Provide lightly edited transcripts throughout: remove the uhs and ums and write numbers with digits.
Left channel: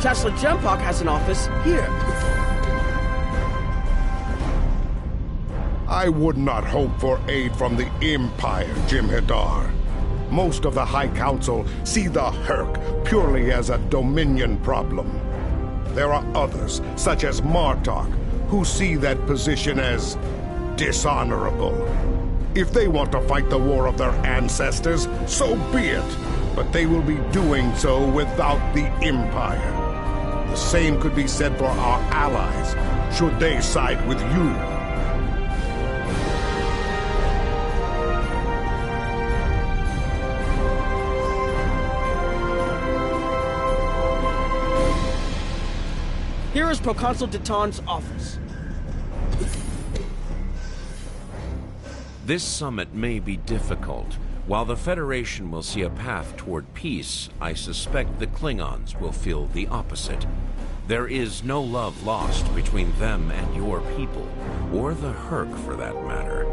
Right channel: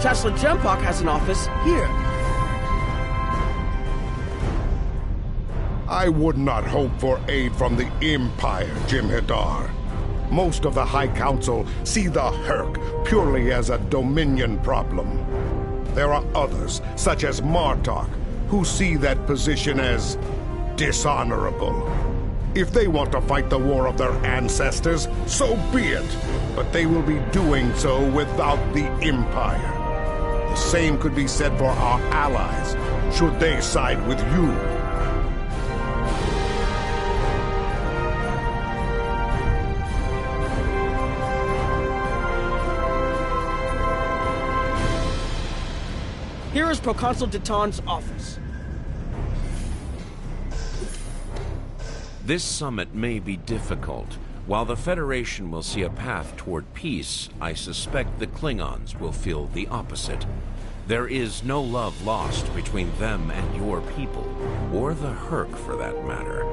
Chancellor Jempok has an office here. I would not hope for aid from the Empire, Jem'Hadar. Most of the High Council see the Herc purely as a Dominion problem. There are others, such as Martok, who see that position as dishonorable. If they want to fight the war of their ancestors, so be it. But they will be doing so without the Empire. The same could be said for our allies, should they side with you. Here is Proconsul Deton's office. This summit may be difficult. While the Federation will see a path toward peace, I suspect the Klingons will feel the opposite. There is no love lost between them and your people, or the Herc for that matter.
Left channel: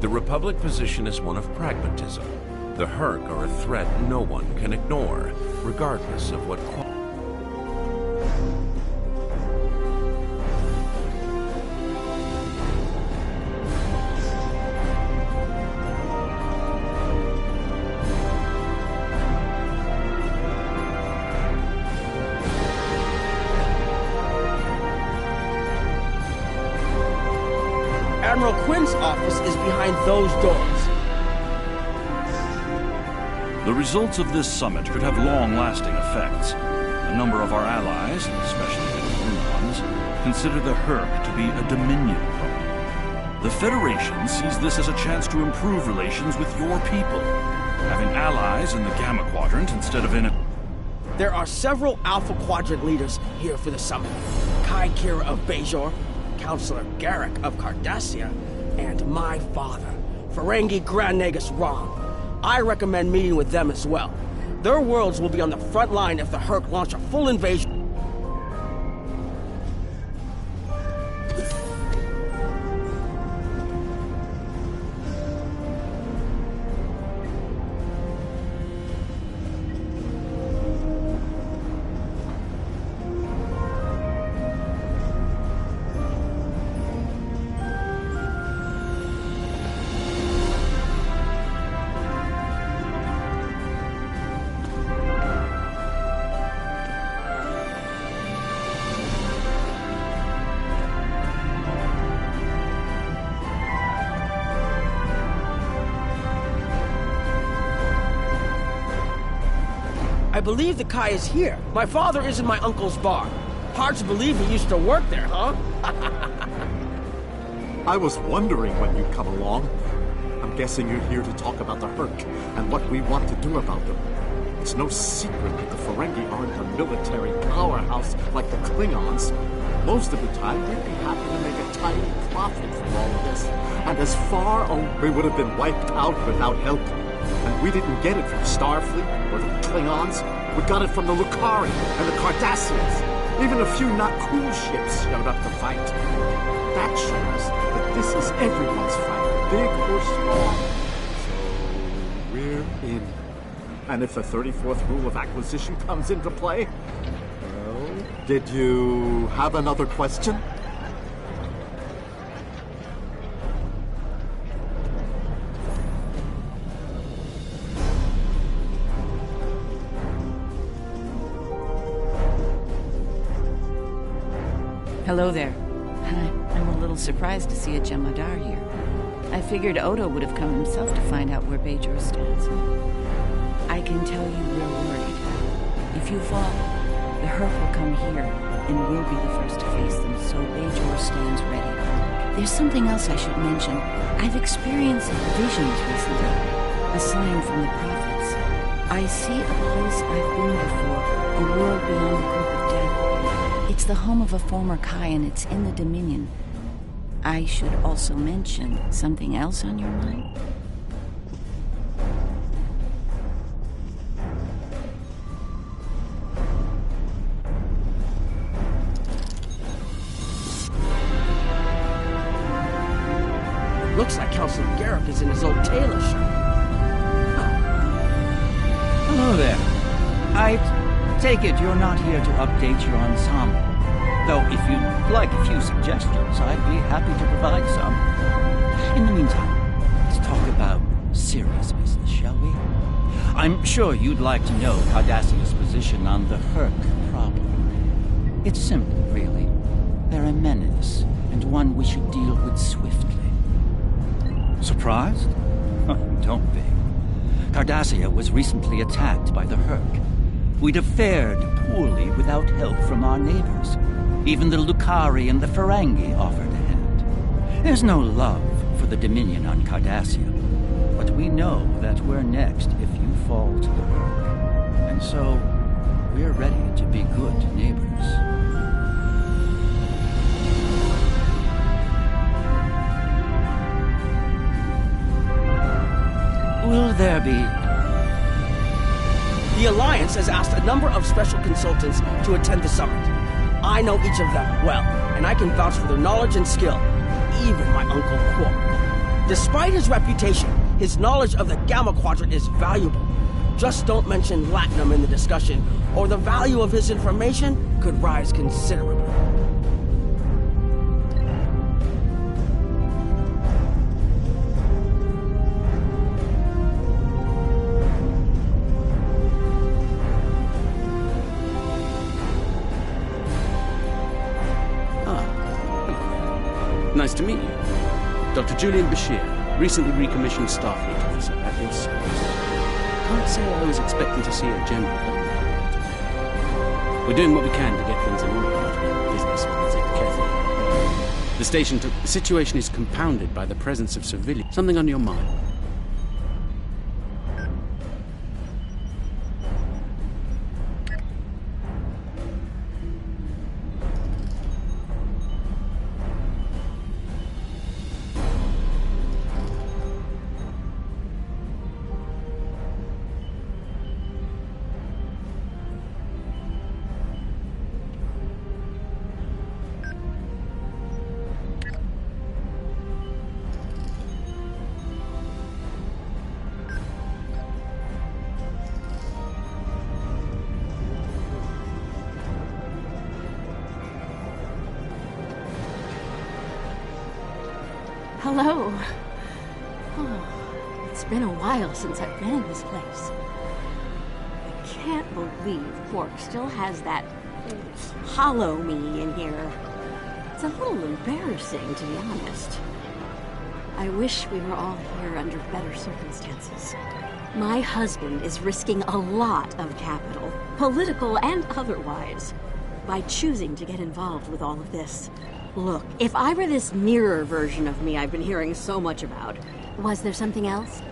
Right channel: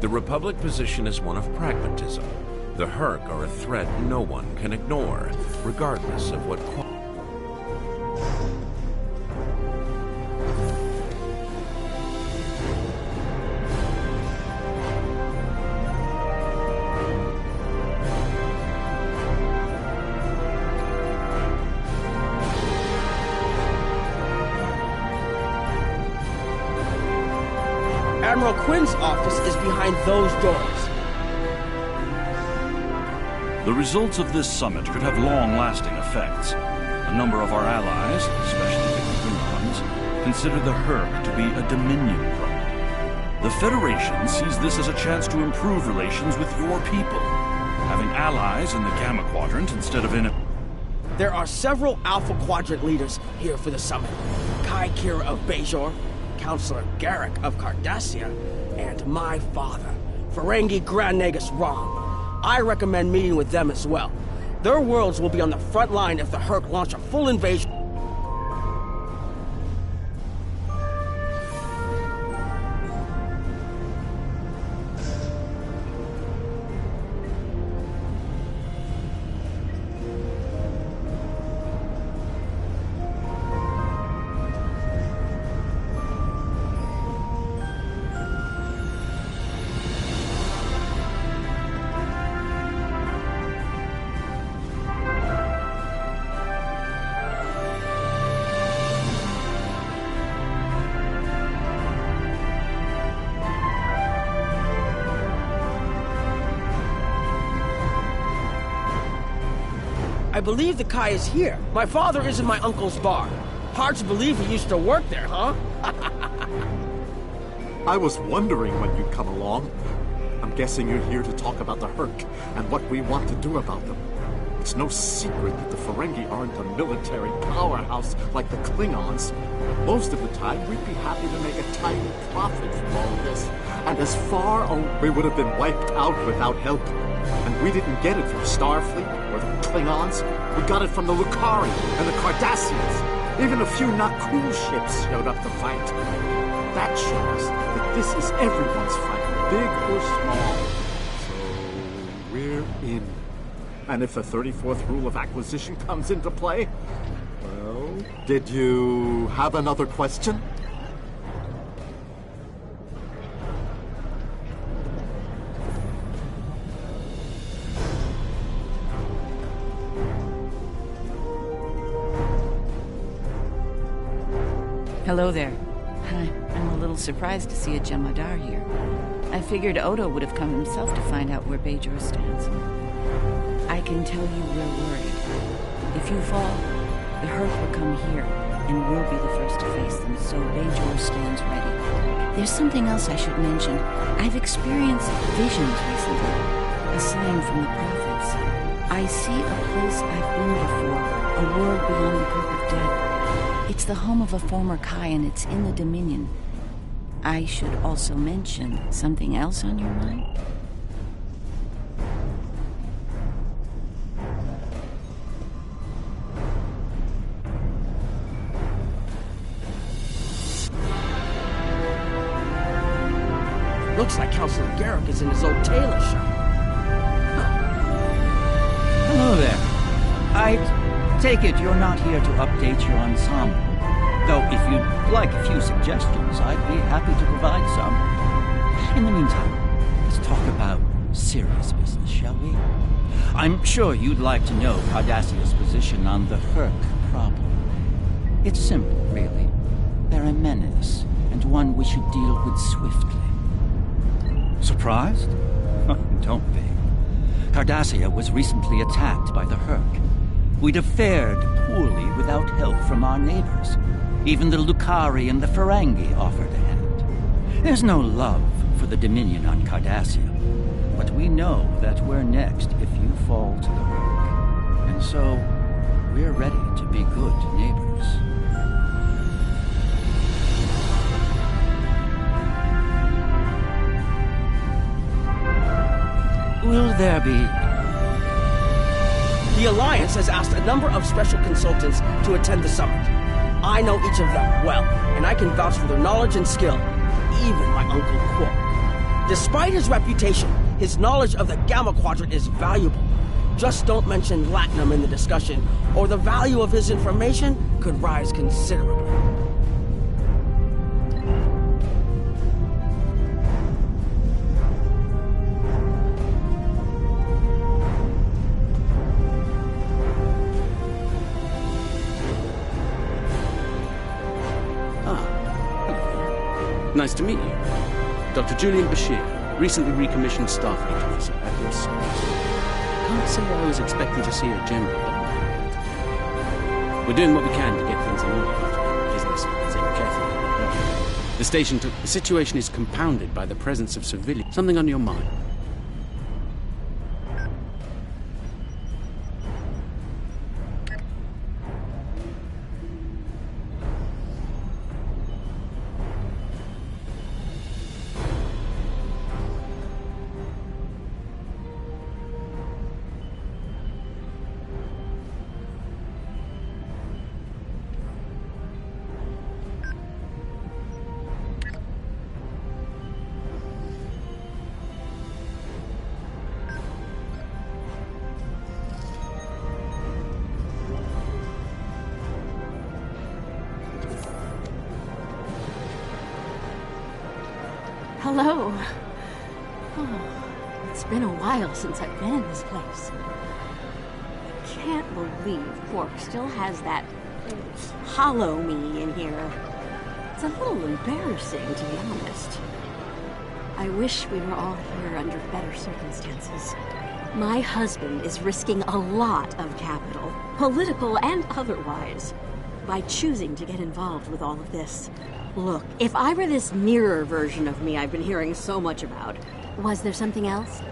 The Republic position is one of pragmatism. The Herc are a threat no one can ignore, regardless of what quality. Admiral Quinn's office is behind those doors. The results of this summit could have long-lasting effects. A number of our allies, especially the Klingons, consider the Herc to be a Dominion problem. The Federation sees this as a chance to improve relations with your people, having allies in the Gamma Quadrant instead of in a... There are several Alpha Quadrant leaders here for the summit. Kai Kira of Bajor, Counselor Garrick of Cardassia, and my father, Ferengi Grand Nagus Rom. I recommend meeting with them as well. Their worlds will be on the front line if the Herc launch a full invasion. I believe the Kai is here. My father is in my uncle's bar. Hard to believe he used to work there, huh? I was wondering when you'd come along. I'm guessing you're here to talk about the Herc and what we want to do about them. It's no secret that the Ferengi aren't a military powerhouse like the Klingons. Most of the time, we'd be happy to make a tiny profit from all of this. And as far as we would have been wiped out without help. And we didn't get it from Starfleet or the Klingons. We got it from the Lucari and the Cardassians. Even a few not cool ships showed up to fight. That showed us that this is everyone's fight, big or small. So we're in. And if the 34th rule of acquisition comes into play, well, did you have another question? Hello there. I'm a little surprised to see a Jem'Hadar here. I figured Odo would have come himself to find out where Bajor stands. I can tell you we're worried. If you fall, the Herc will come here, and we'll be the first to face them, so Bajor stands ready. There's something else I should mention. I've experienced visions recently, a sign from the prophets. I see a place I've been before, a world beyond the grip of death. It's the home of a former Kai, and it's in the Dominion. I should also mention something else on your mind? It looks like Counselor Garrick is in his old tailor shop. Hello there. Take it you're not here to update your ensemble. Though if you'd like a few suggestions, I'd be happy to provide some. In the meantime, let's talk about serious business, shall we? I'm sure you'd like to know Cardassia's position on the Herc problem. It's simple, really. They're a menace, and one we should deal with swiftly. Surprised? Don't be. Cardassia was recently attacked by the Herc. We'd have fared poorly without help from our neighbors. Even the Lucari and the Ferengi offered a hand. There's no love for the Dominion on Cardassia, but we know that we're next if you fall to the Herc. And so, we're ready to be good neighbors. Will there be... The Alliance has asked a number of special consultants to attend the summit. I know each of them well, and I can vouch for their knowledge and skill. Even my Uncle Quark. Despite his reputation, his knowledge of the Gamma Quadrant is valuable. Just don't mention Latinum in the discussion, or the value of his information could rise considerably. Nice to meet you. Dr. Julian Bashir, recently recommissioned Starfleet officer at your service. Can't say I was expecting to see a General Donna here today. We're doing what we can to get things in order after the business with the Catherine. The situation is compounded by the presence of civilians. Something on your mind? Hello. Oh, it's been a while since I've been in this place. I can't believe Quark still has that hollow me in here. It's a little embarrassing, to be honest. I wish we were all here under better circumstances. My husband is risking a lot of capital, political and otherwise, by choosing to get involved with all of this. Look, if I were this mirror version of me I've been hearing so much about, was there something else?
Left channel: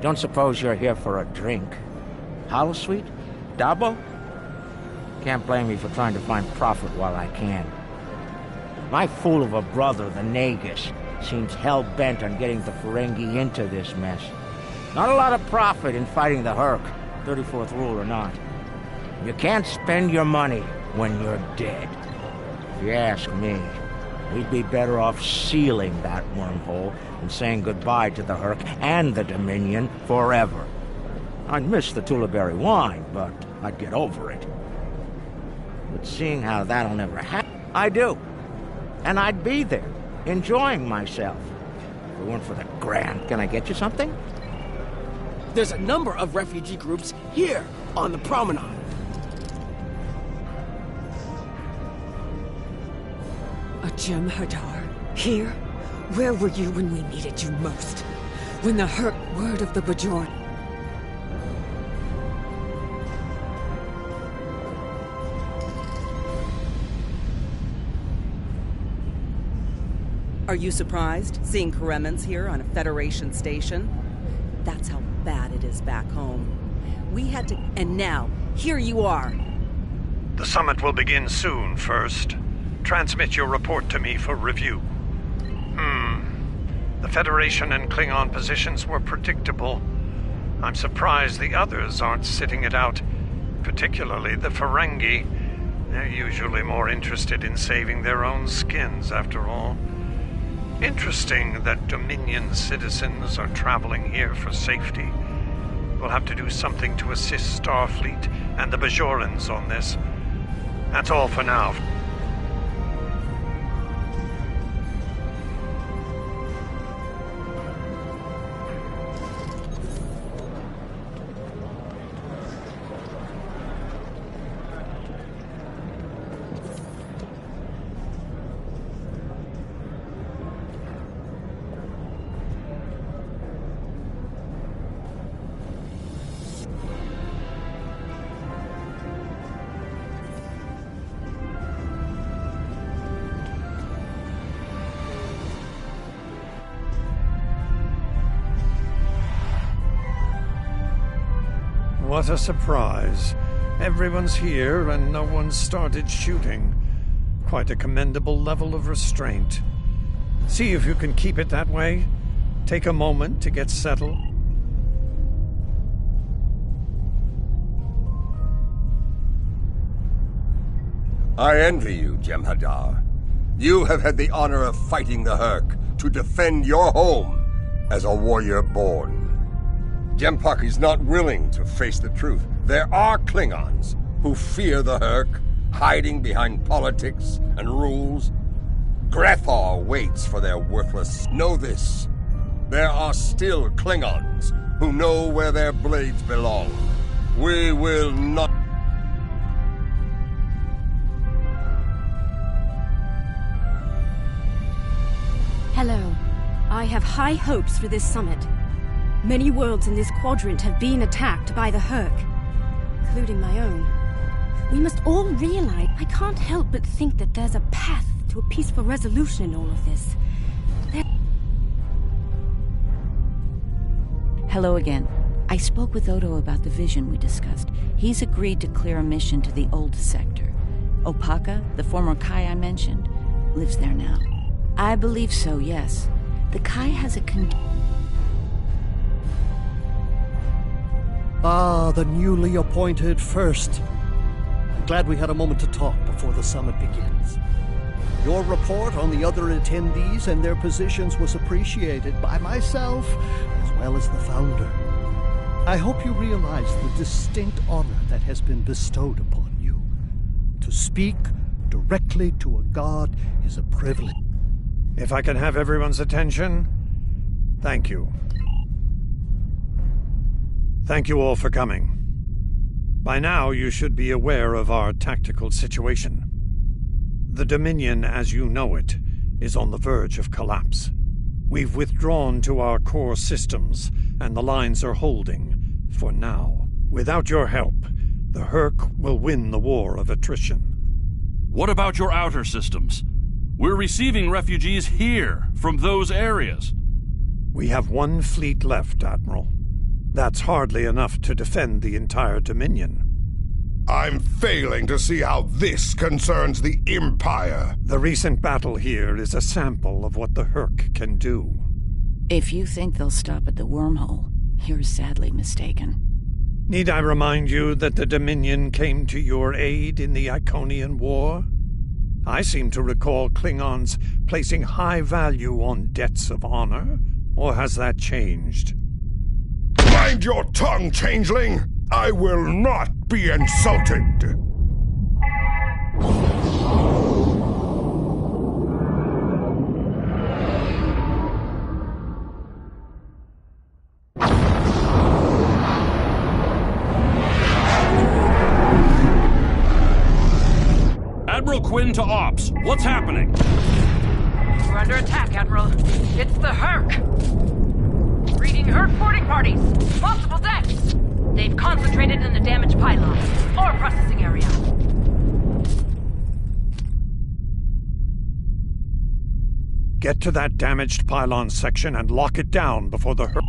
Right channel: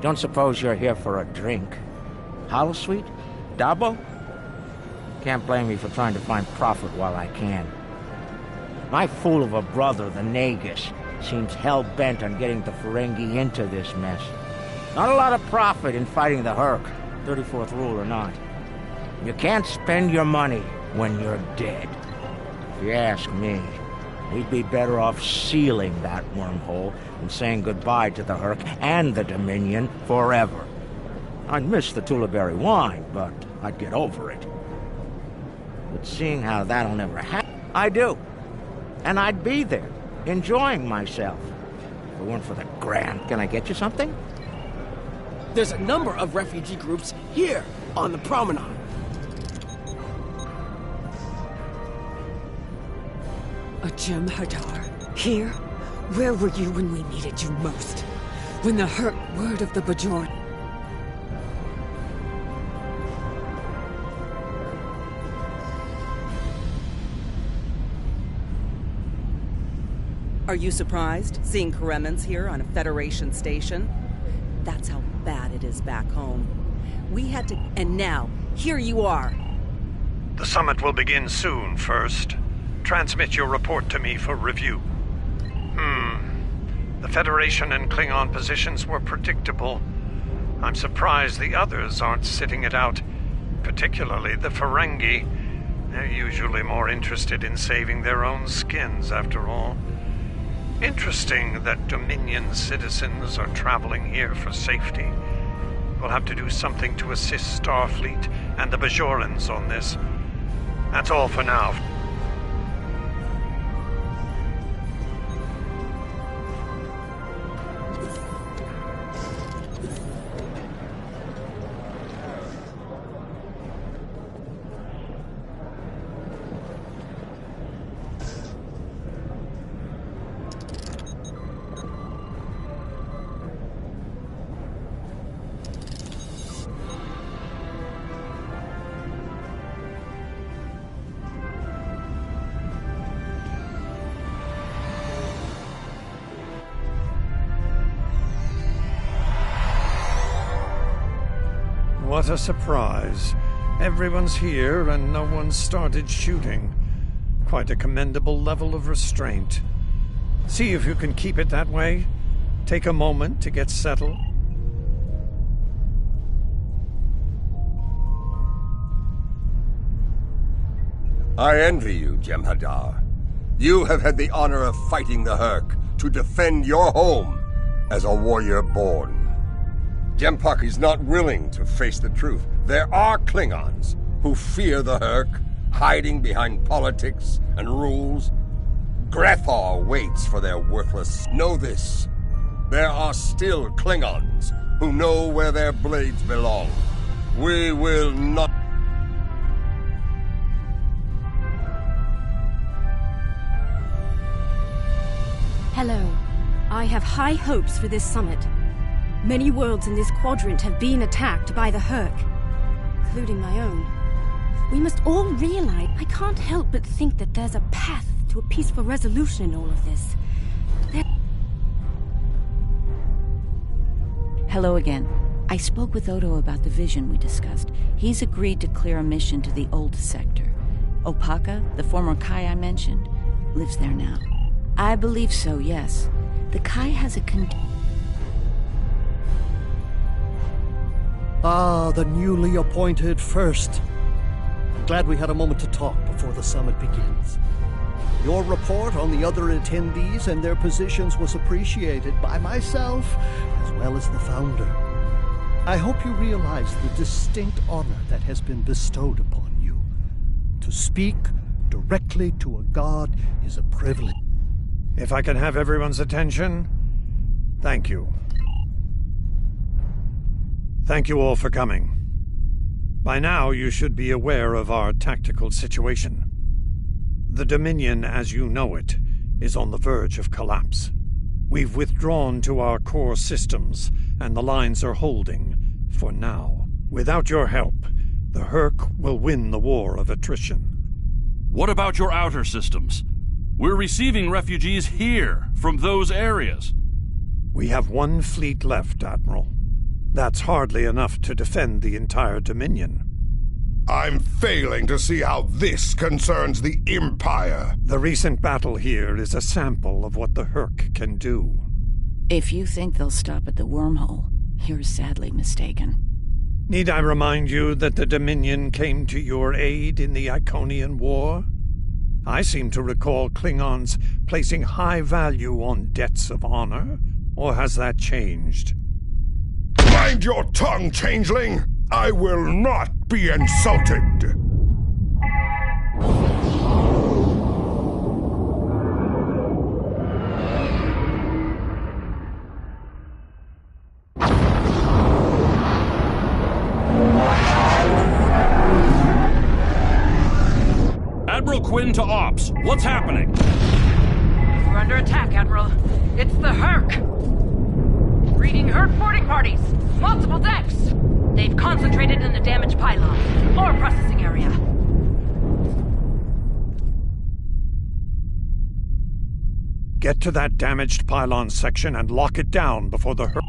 Don't suppose you're here for a drink? Holosuite? Dabo? Can't blame me for trying to find profit while I can. My fool of a brother, the Nagus, seems hell-bent on getting the Ferengi into this mess. Not a lot of profit in fighting the Herc, 34th rule or not. You can't spend your money when you're dead. If you ask me, we'd be better off sealing that wormhole and saying goodbye to the Herc and the Dominion forever. I'd miss the Tullaberry wine, but I'd get over it. But seeing how that'll never happen, I do. And I'd be there, enjoying myself. If it weren't for the grant, can I get you something? There's a number of refugee groups here on the promenade. A Jem'Hadar? Here? Where were you when we needed you most? When the Herc word of the Bajor... Are you surprised, seeing Karemans here on a Federation station? That's how bad it is back home. We had to... And now, here you are! The summit will begin soon, First. Transmit your report to me for review. The Federation and Klingon positions were predictable. I'm surprised the others aren't sitting it out, particularly the Ferengi. They're usually more interested in saving their own skins, after all. Interesting that Dominion citizens are traveling here for safety. We'll have to do something to assist Starfleet and the Bajorans on this. That's all for now. What a surprise. Everyone's here and no one's started shooting. Quite a commendable level of restraint. See if you can keep it that way. Take a moment to get settled. I envy you, Jem'Hadar. You have had the honor of fighting the Hurk to defend your home as a warrior born. Jem'Puck is not willing to face the truth. There are Klingons who fear the Hurk, hiding behind politics and rules. Grethar waits for their worthless... Know this. There are still Klingons who know where their blades belong. We will not... Hello. I have high hopes for this summit. Many worlds in this quadrant have been attacked by the Hurk, including my own. We must all realize I can't help but think that there's a path to a peaceful resolution in all of this. Hello again. I spoke with Odo about the vision we discussed. He's agreed to clear a mission to the old sector. Opaka, the former Kai I mentioned, lives there now. I believe so, yes. The Kai has a Ah, the newly appointed First. I'm glad we had a moment to talk before the summit begins. Your report on the other attendees and their positions was appreciated by myself as well as the Founder. I hope you realize the distinct honor that has been bestowed upon you. To speak directly to a god is a privilege. If I can have everyone's attention, thank you. Thank you all for coming. By now, you should be aware of our tactical situation. The Dominion, as you know it, is on the verge of collapse. We've withdrawn to our core systems, and the lines are holding, for now. Without your help, the Hurk will win the war of attrition. What about your outer systems? We're receiving refugees here, from those areas. We have one fleet left, Admiral. That's hardly enough to defend the entire Dominion. I'm failing to see how this concerns the Empire. The recent battle here is a sample of what the Hurk can do. If you think they'll stop at the wormhole, you're sadly mistaken. Need I remind you that the Dominion came to your aid in the Iconian War? I seem to recall Klingons placing high value on debts of honor, or has that changed? Mind your tongue, changeling! I will not be insulted! Admiral Quinn to Ops. What's happening? We're under attack, Admiral. It's the Hurk! Reading Hurk boarding parties! Multiple decks! They've concentrated in the damaged pylons. Ore processing area. Get to that damaged pylon section and lock it down before the Hurk...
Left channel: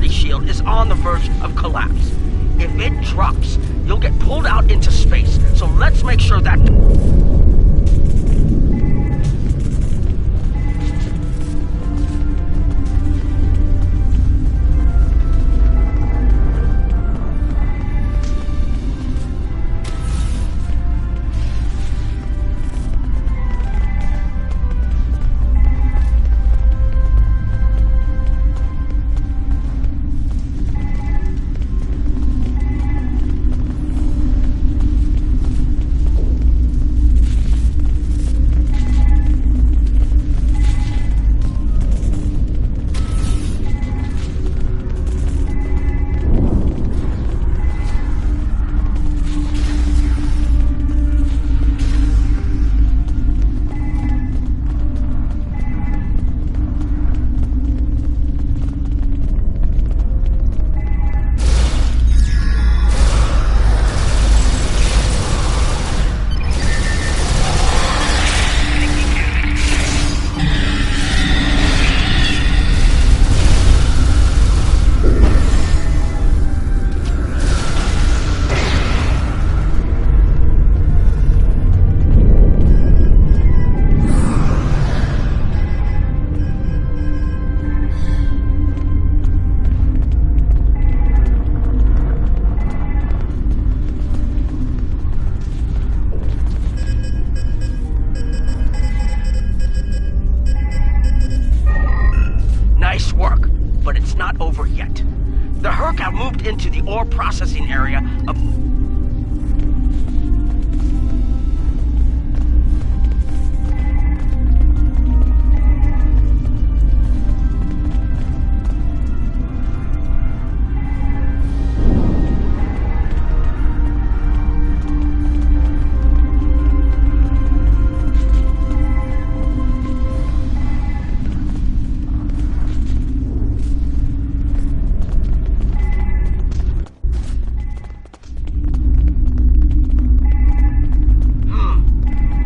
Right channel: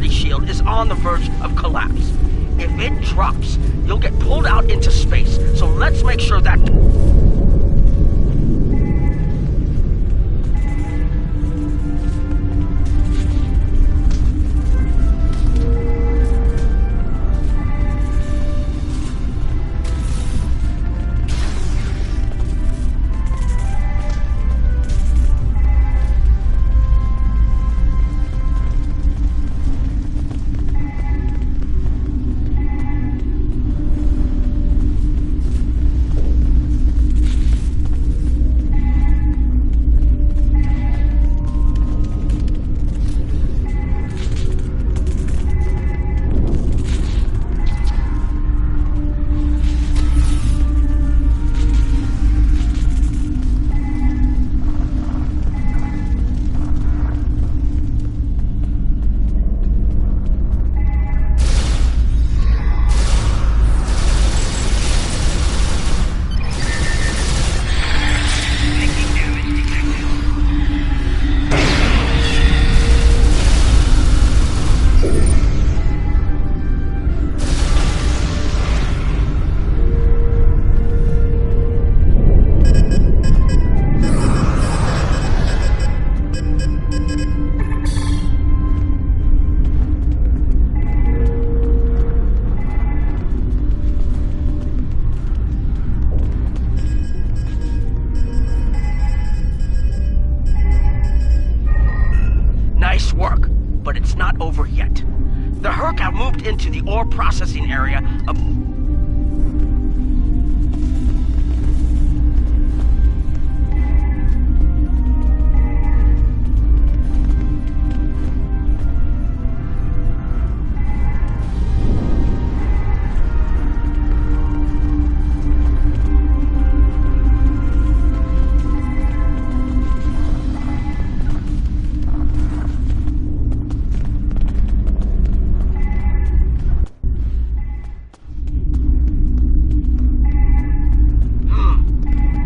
security shield is on the verge of collapse. If it drops, you'll get pulled out into space, so let's make sure that... Nice work, but it's not over yet. The Herc have moved into the ore processing area of...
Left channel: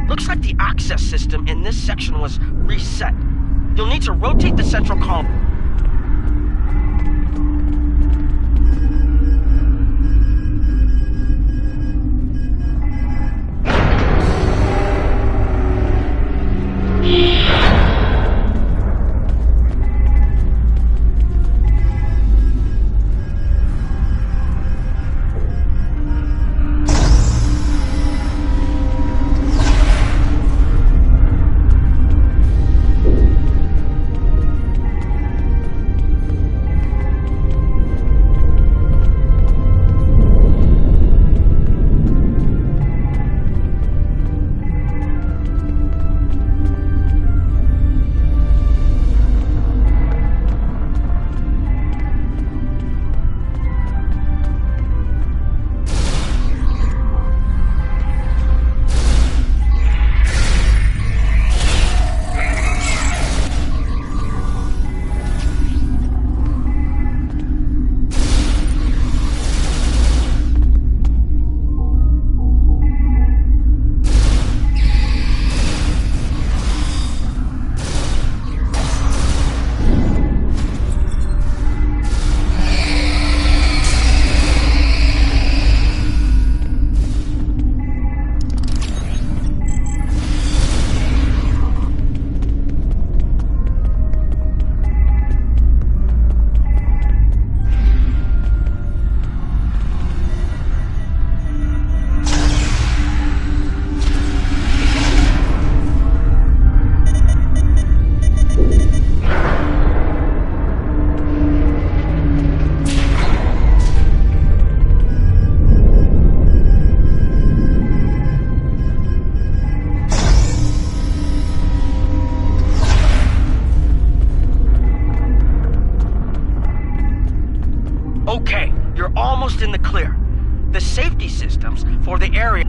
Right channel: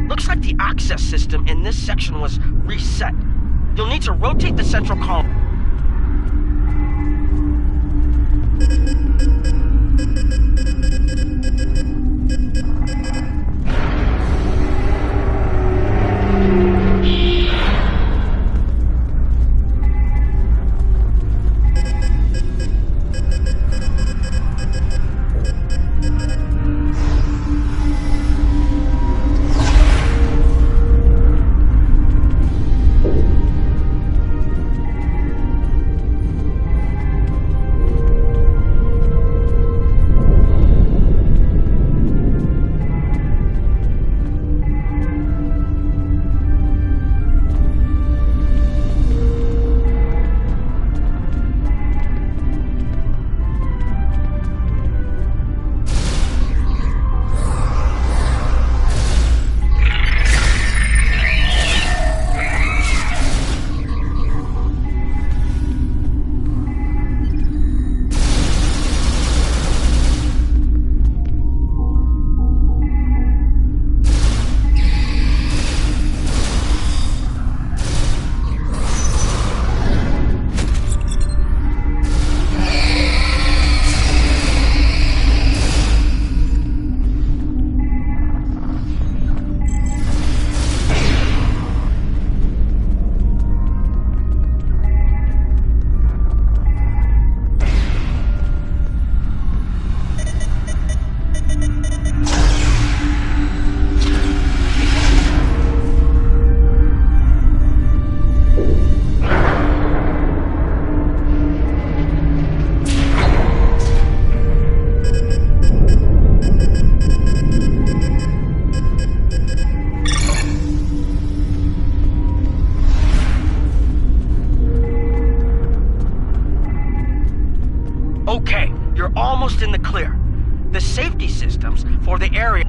Looks like the access system in this section was reset. You'll need to rotate the central column. Okay, you're almost in the clear. The safety systems for the area...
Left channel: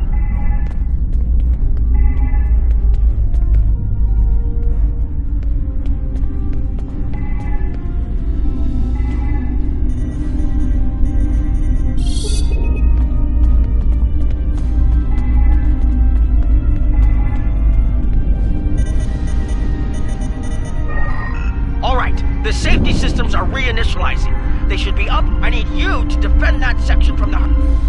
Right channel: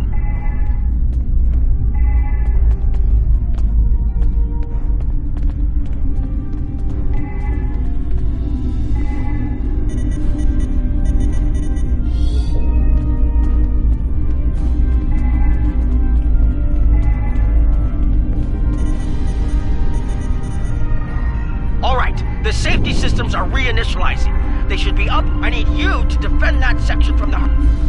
All right, the safety systems are reinitializing. They should be up. I need you to defend that section from the...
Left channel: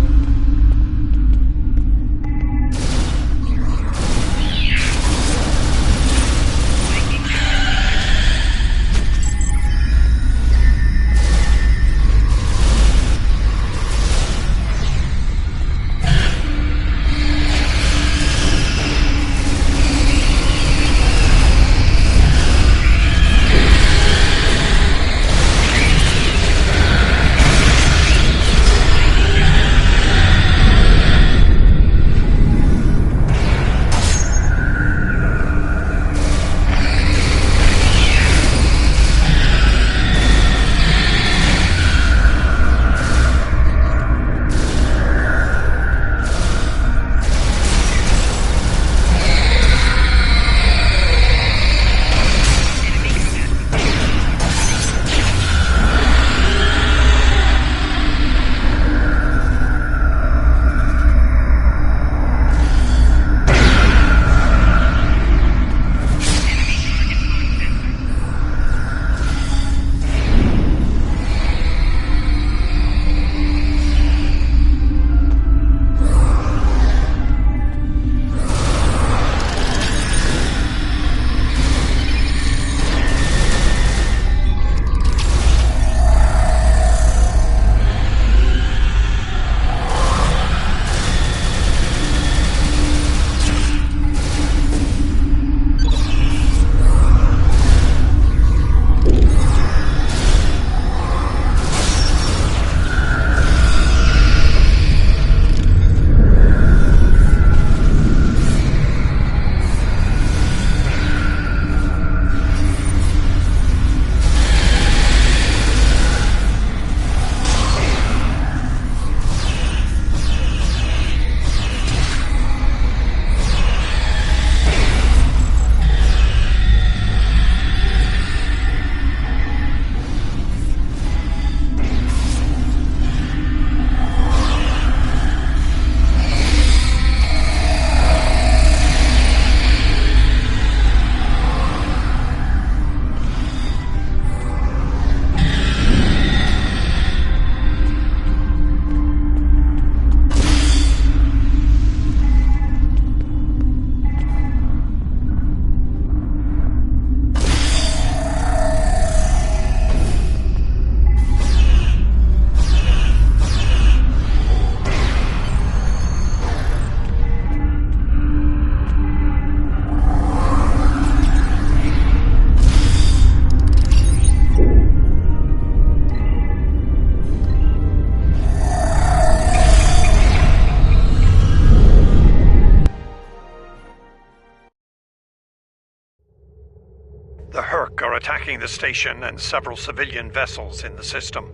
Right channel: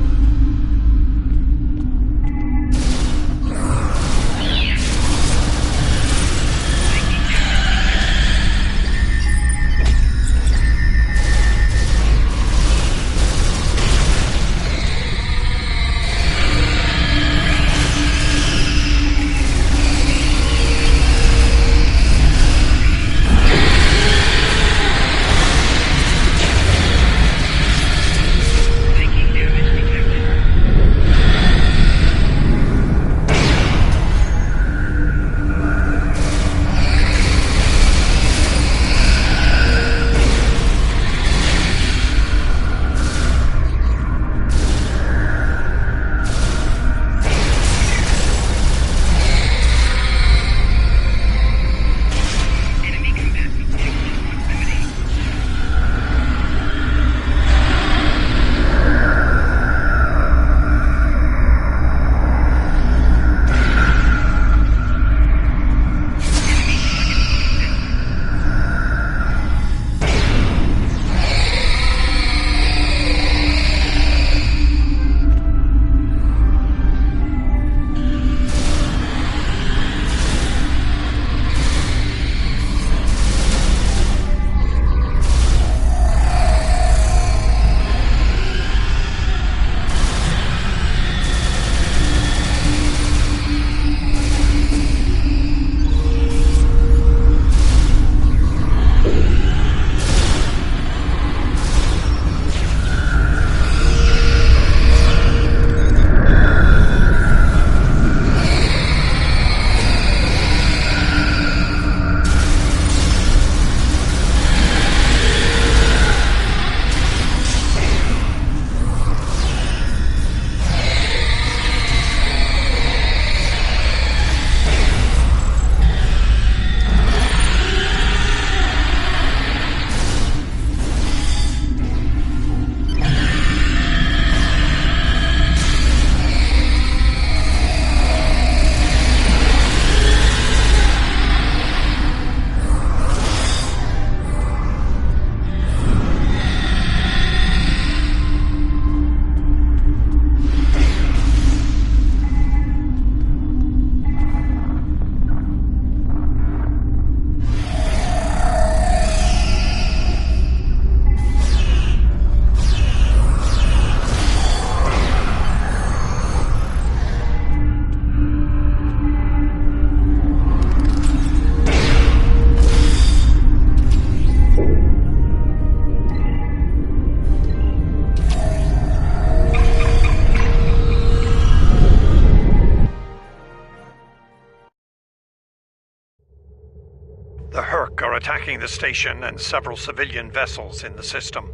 The Herc are attacking the station and several civilian vessels in the system.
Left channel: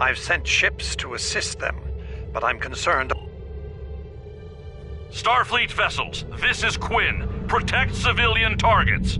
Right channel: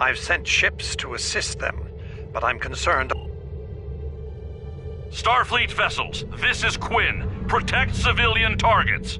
I've sent ships to assist them, but I'm concerned... Starfleet vessels, this is Quinn. Protect civilian targets.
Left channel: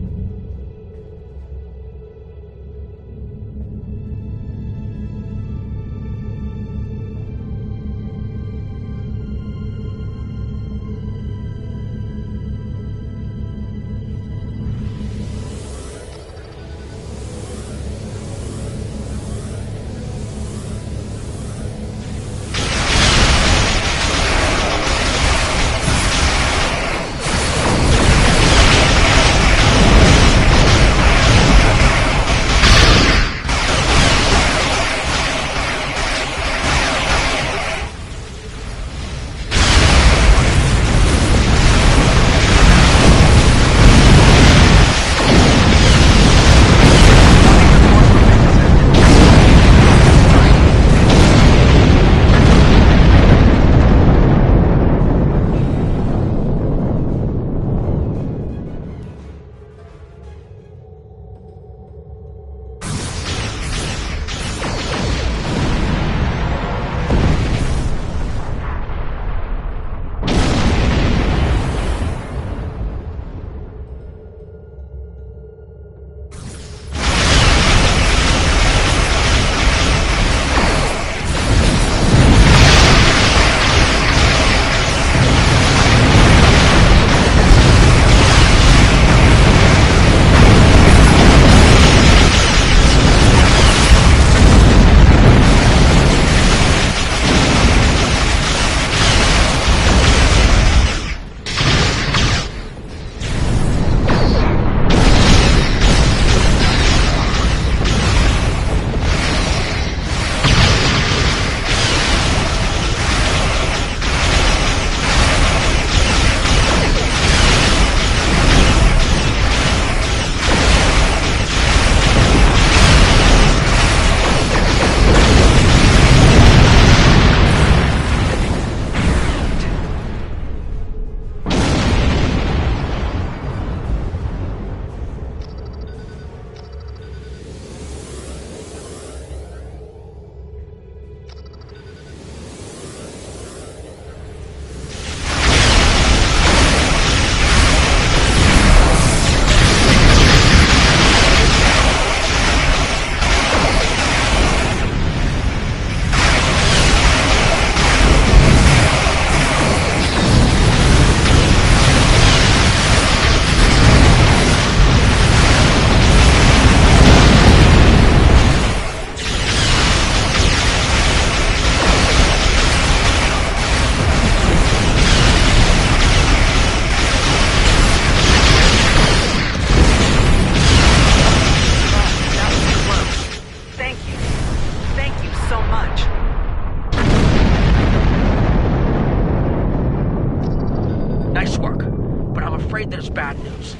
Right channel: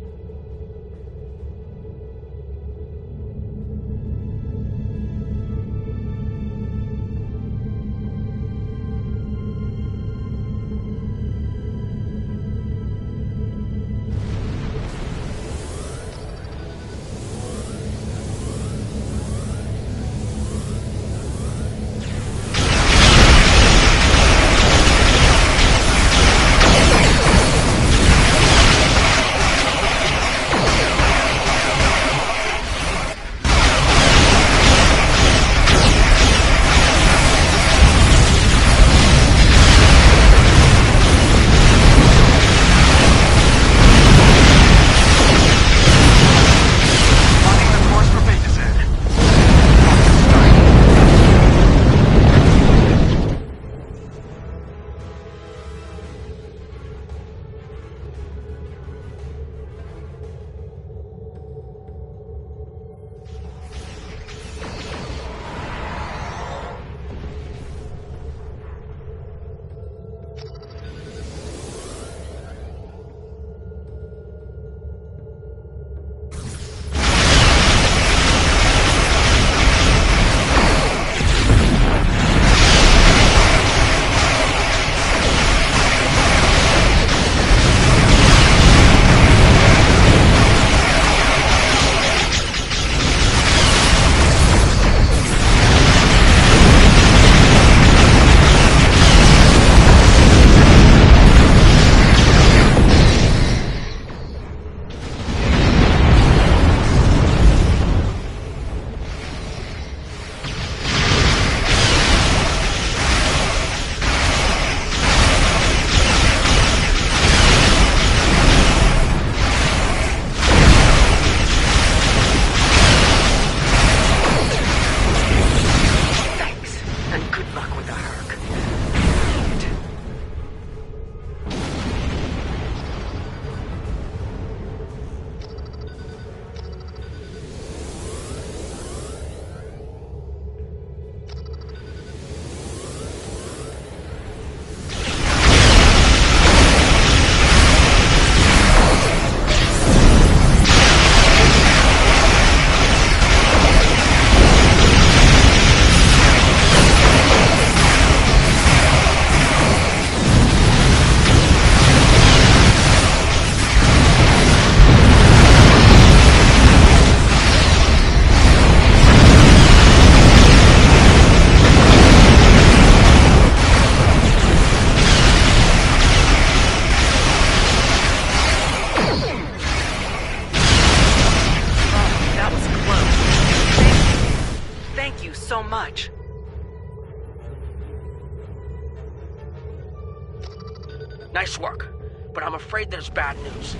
I'm afraid there's bad news.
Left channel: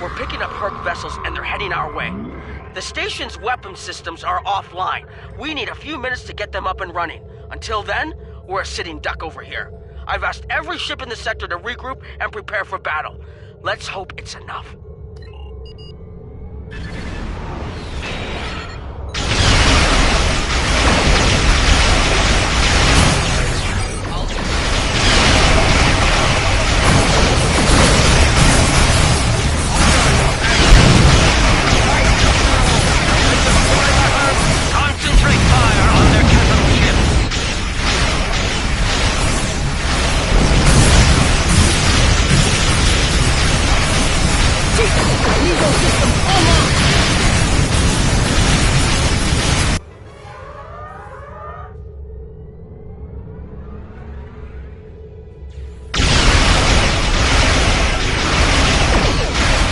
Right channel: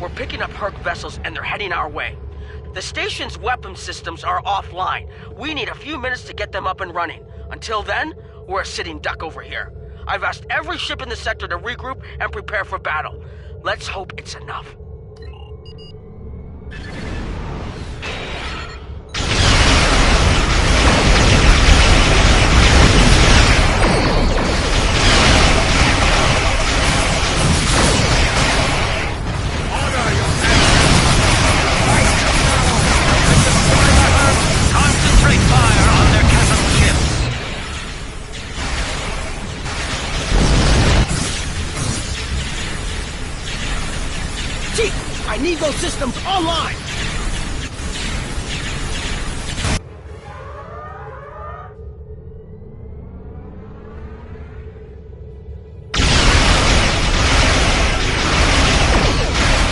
We're picking up Herc vessels and they're heading our way. The station's weapon systems are offline. We need a few minutes to get them up and running. Until then, we're a sitting duck over here. I've asked every ship in the sector to regroup and prepare for battle. Let's hope it's enough. Concentrate fire on their capital ships. Chief, I need those systems online!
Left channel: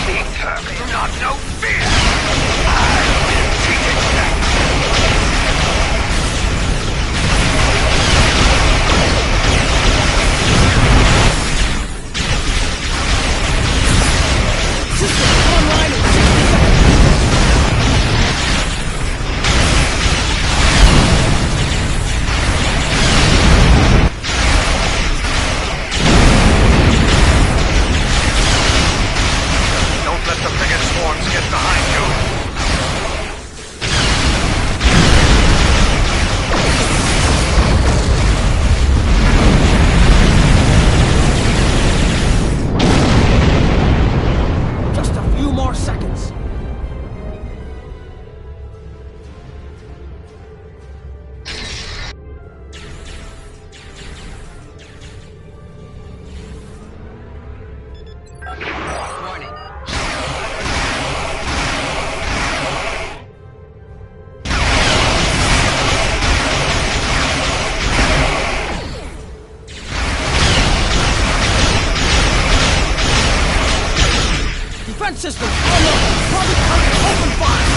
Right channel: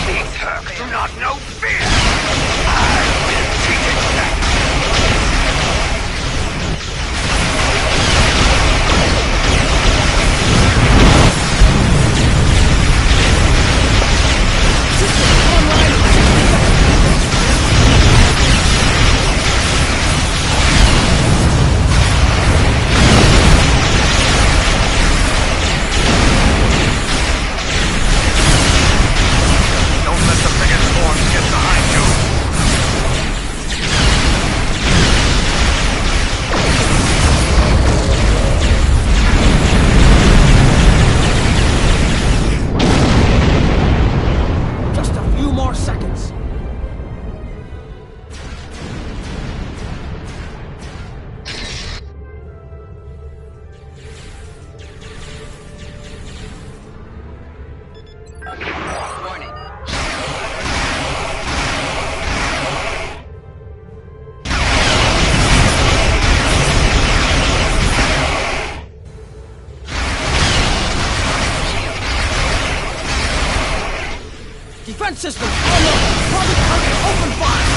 These Herc do not know fear. I will teach it them. System online in 60 seconds! Don't let the biggest swarms get behind you. Just a few more seconds. Warning. Defense systems online. Target target open fire.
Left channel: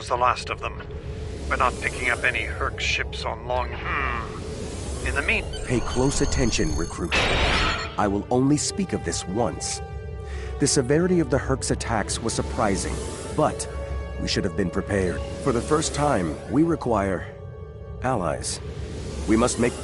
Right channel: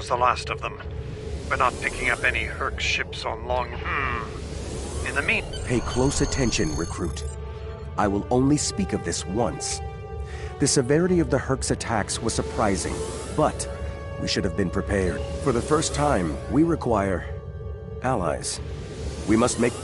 was the last of them. We're not picking up any Herc ships on long... In the Pay close attention, recruit. I will only speak of this once. The severity of the Herc's attacks was surprising, but we should have been prepared. For the first time, we require allies. We must make...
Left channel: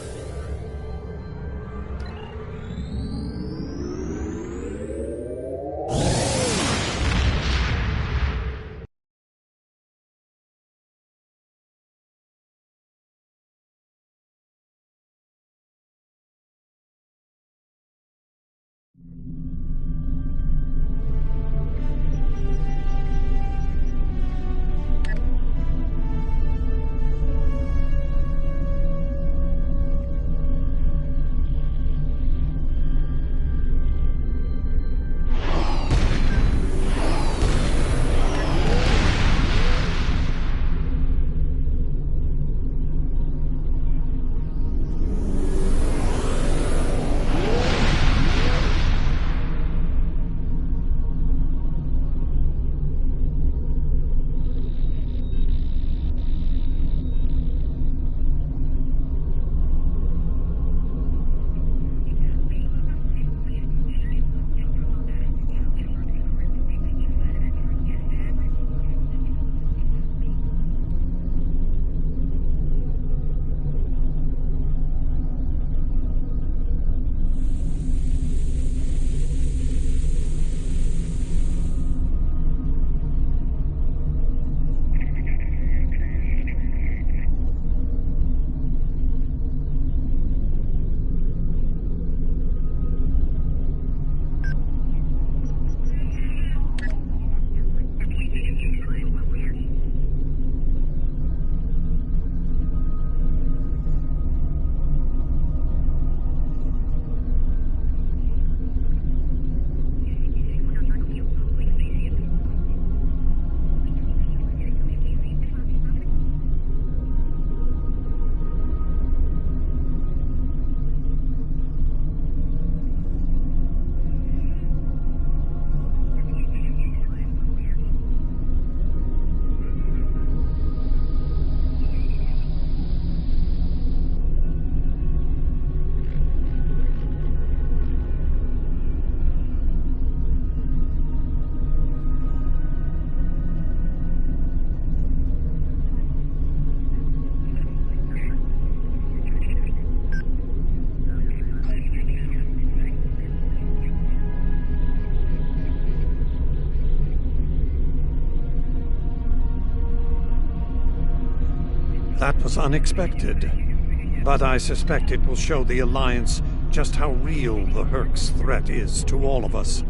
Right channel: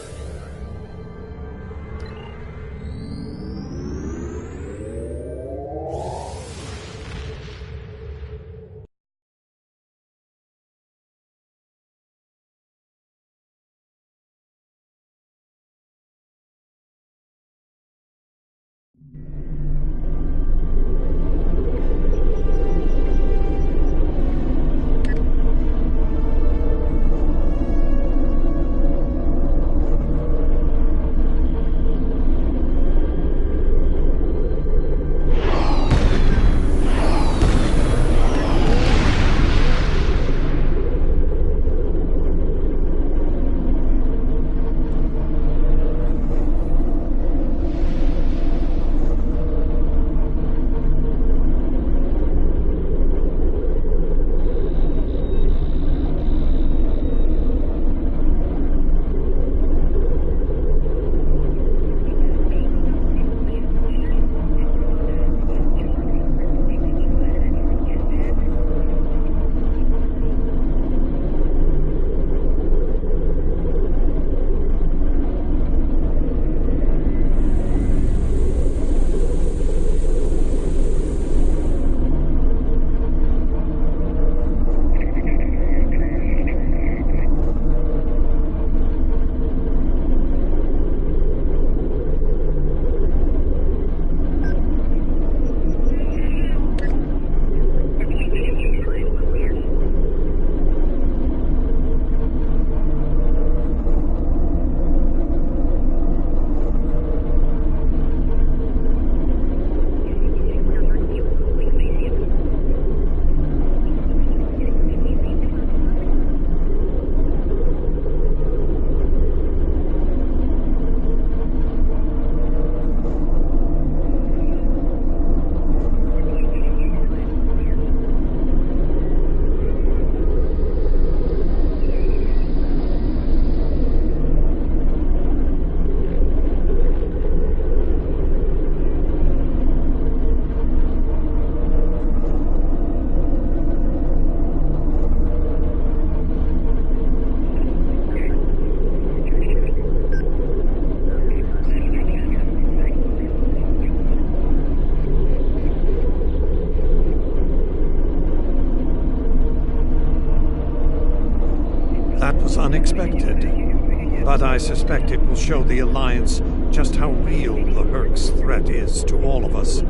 That was unexpected, but I suspect it will show the Alliance just how real the Herc's threat is to all of us.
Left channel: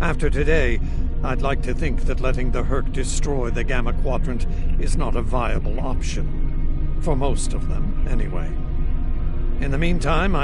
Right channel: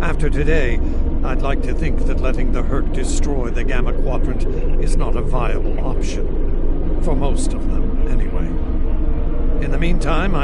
After today, I'd like to think that letting the Herc destroy the Gamma Quadrant is not a viable option. For most of them, anyway. In the meantime,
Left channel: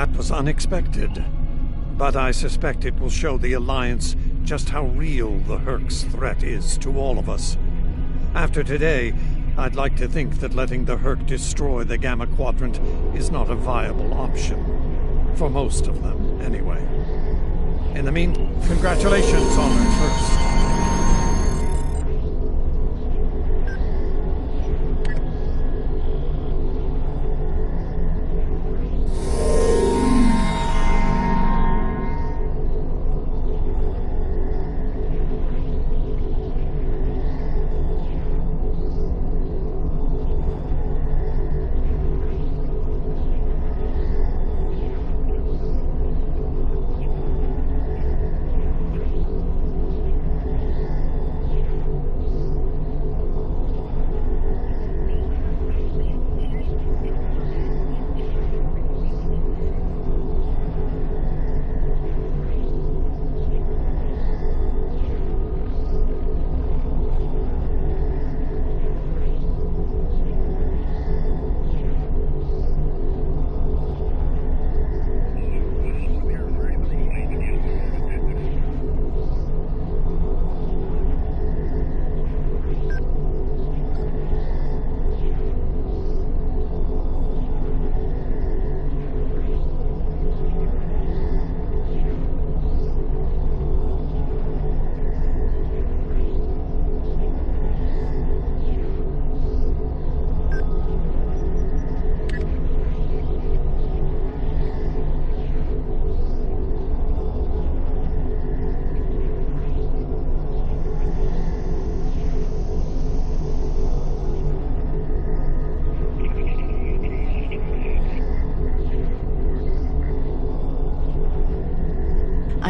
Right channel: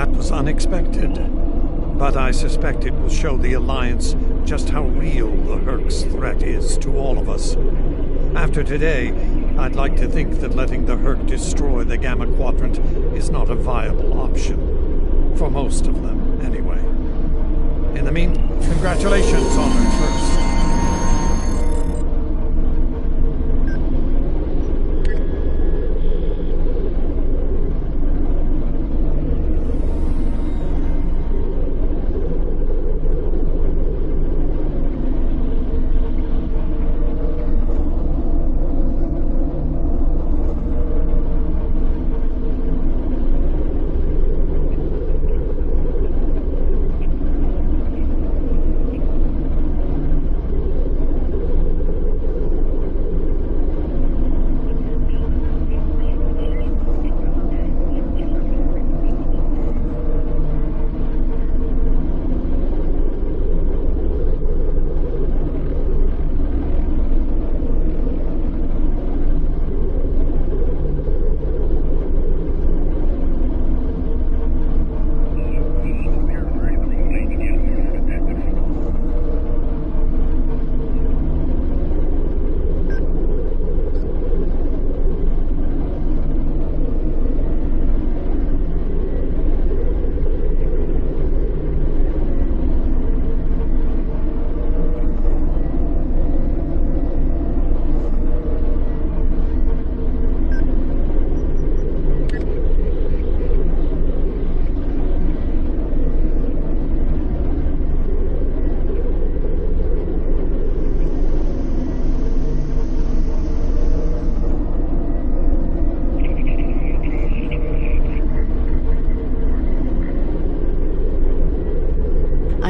That was unexpected, but I suspect it will show the Alliance just how real the Herc's threat is to all of us. After today, I'd like to think that letting the Herc destroy the Gamma Quadrant is not a viable option. For most of them, anyway. In the meantime, congratulations, Honored First.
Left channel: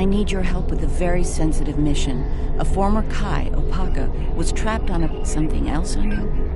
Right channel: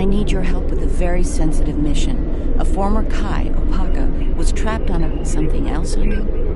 I need your help with a very sensitive mission. A former Kai, Opaka, was trapped on something else on you?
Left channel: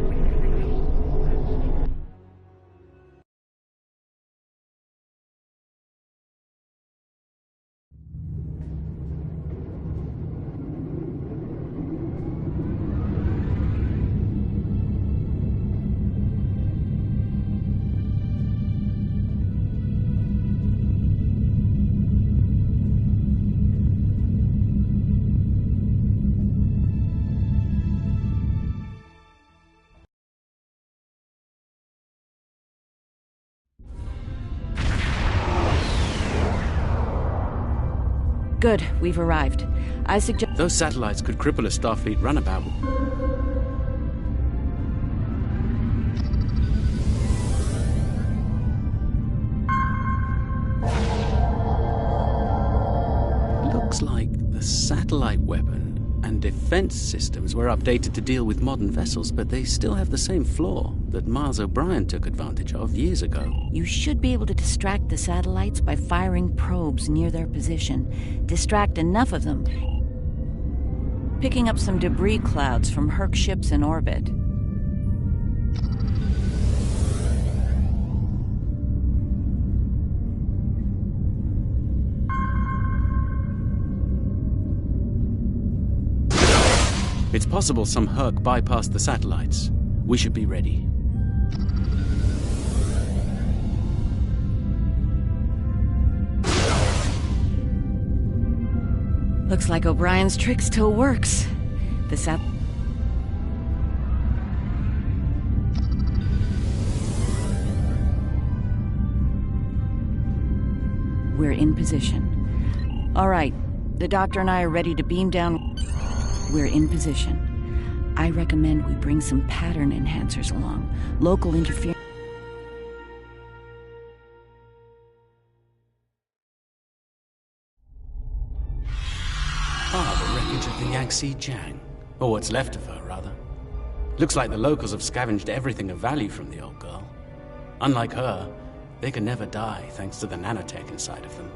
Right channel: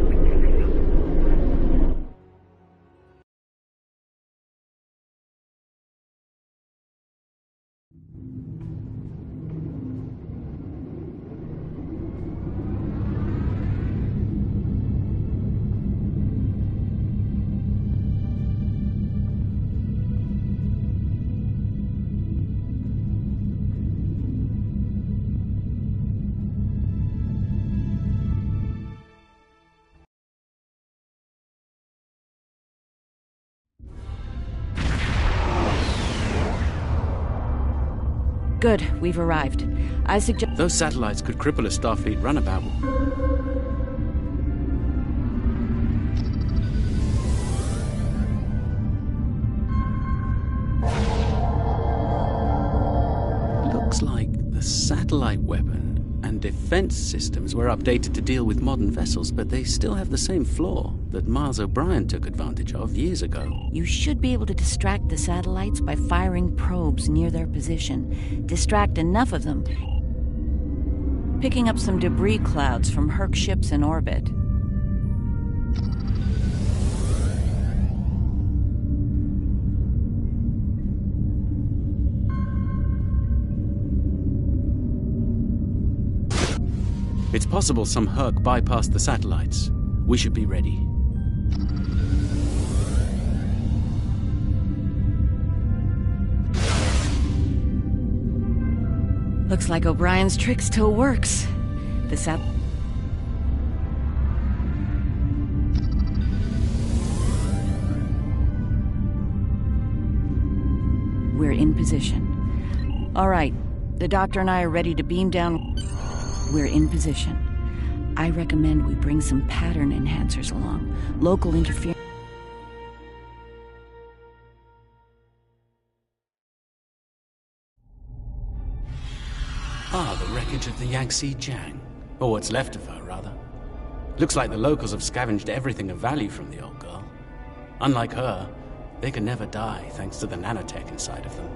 Good, we've arrived. I suggest... Those satellites could cripple a Starfleet runabout. Looks like the satellite weapon and defense systems were updated to deal with modern vessels, but they still have the same flaw that Miles O'Brien took advantage of years ago. You should be able to distract the satellites by firing probes near their position. Distract enough of them, picking up some debris clouds from Herc ships in orbit. It's possible some Herc bypassed the satellites. We should be ready. Looks like O'Brien's trick still works. The We're in position. All right, the doctor and I are ready to beam down. We're in position. I recommend we bring some pattern enhancers along. Local interference. The wreckage of the Yangtze Jiang. Or what's left of her, rather. Looks like the locals have scavenged everything of value from the old girl. Unlike her, they can never die thanks to the nanotech inside of them.